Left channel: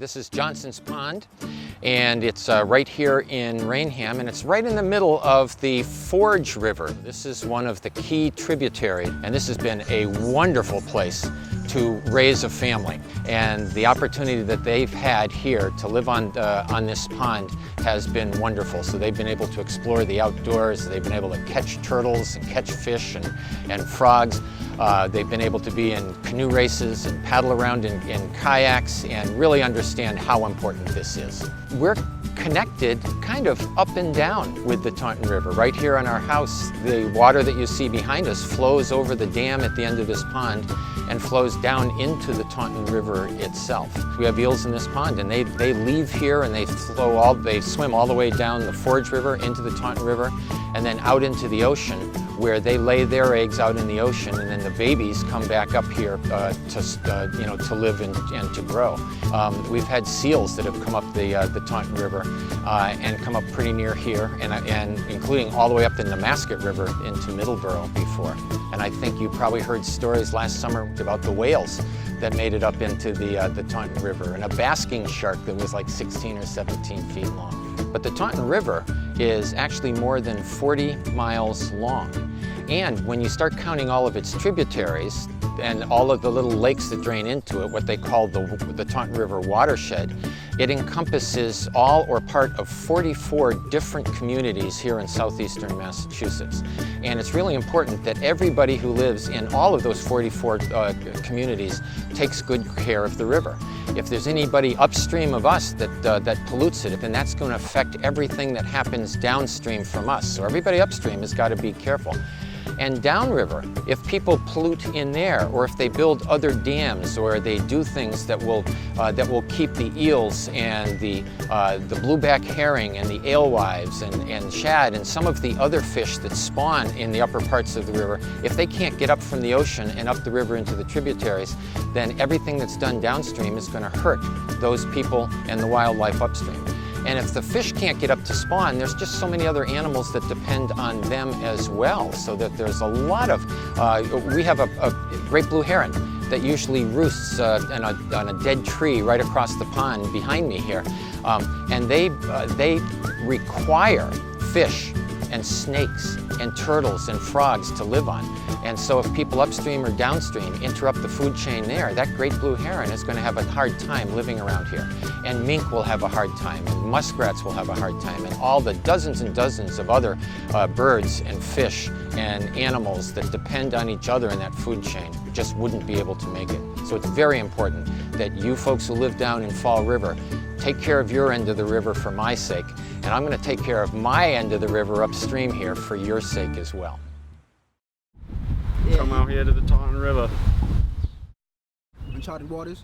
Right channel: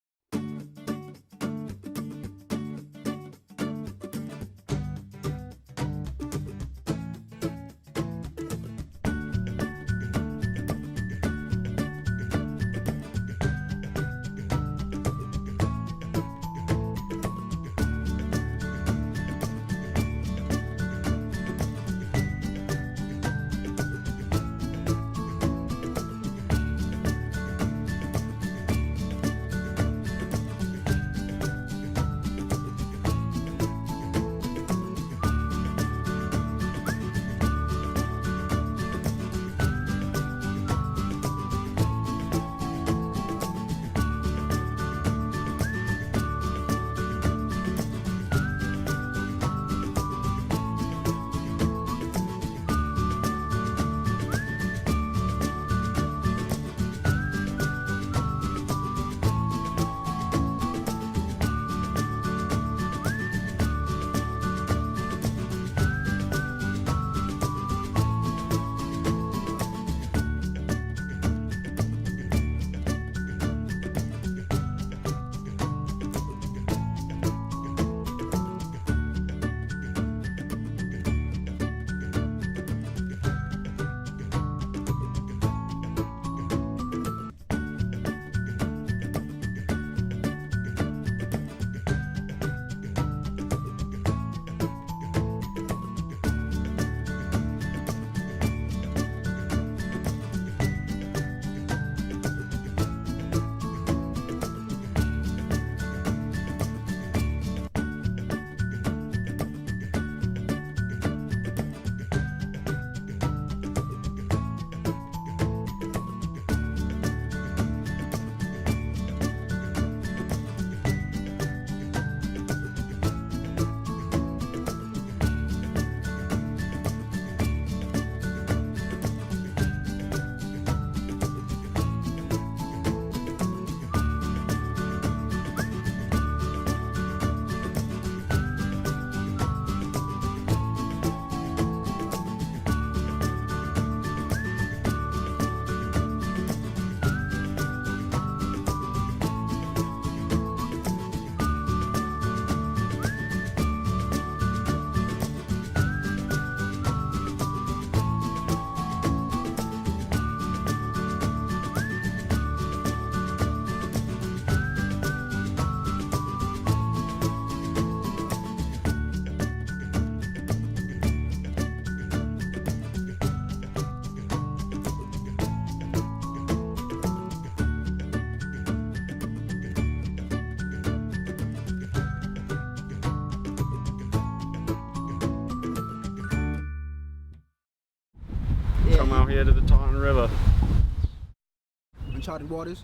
This is Johnson's Pond, and it's right here in Rainham, and it's right in the middle of the Forge River. This is one of the key tributaries, and this has been a wonderful place to raise a family. And the opportunity that they've had here to live on this pond has been wonderful. So they've been able to explore the outdoors, they've been able to catch turtles and catch fish and frogs. They've been able to be in canoe races and paddle around in kayaks and really understand how important this is. We're connected kind of up and down with the Taunton River. Right here on our house, the water that you see behind us flows over the dam at the end of this pond and flows down into the Taunton River itself. We have eels in this pond, and they leave here and they swim all the way down the Forge River into the Taunton River and then out into the ocean, where they lay their eggs out in the ocean, and then the babies come back up here to live and to grow. We've had seals that have come up the Taunton River and come up pretty near here, and including all the way up the Nemasket River into Middleborough before. And I think you probably heard stories last summer about the whales that made it up into the Taunton River, and a basking shark that was like 16 or 17 feet long. But the Taunton River is actually more than 40 miles long. And when you start counting all of its tributaries and all of the little lakes that drain into it, what they call the Taunton River watershed, it encompasses all or part of 44 different communities here in southeastern Massachusetts. And it's really important that everybody who lives in all of those 44 communities takes good care of the river. If there's anybody upstream of us that pollutes it, then that's going to affect everything that happens downstream from us. So everybody upstream has got to be careful. And downriver, if people pollute in there, or if they build other dams, or they do things that will keep the eels and the blueback herring and the alewives and shad and some of the other fish that spawn in the upper parts of the river, if they can't get up from the ocean and up the river into the tributaries, then everything that's done downstream is going to hurt those people and the wildlife upstream. And if the fish can't get up to spawn, there's just so many other animals that depend on them as well. So that there's a lot of, we have a great blue heron that usually roosts on a dead tree right across the pond behind me here. And they require fish and snakes and turtles and frogs to live on. And so if people upstream or downstream interrupt the food chain there, that great blue heron is going to have a hard time living around here. And mink will have a hard time, and muskrats will have a hard time, and all the dozens and dozens of other birds and fish and animals that depend on each other in that food chain just wouldn't be able to make it. So it's very important that you folks who live down in Fall River take care of your end of the river for my sake, and I'm going to take care of my end of the river upstream here for your sake as well. Come out here to the Taunton River. Uncharted Waters.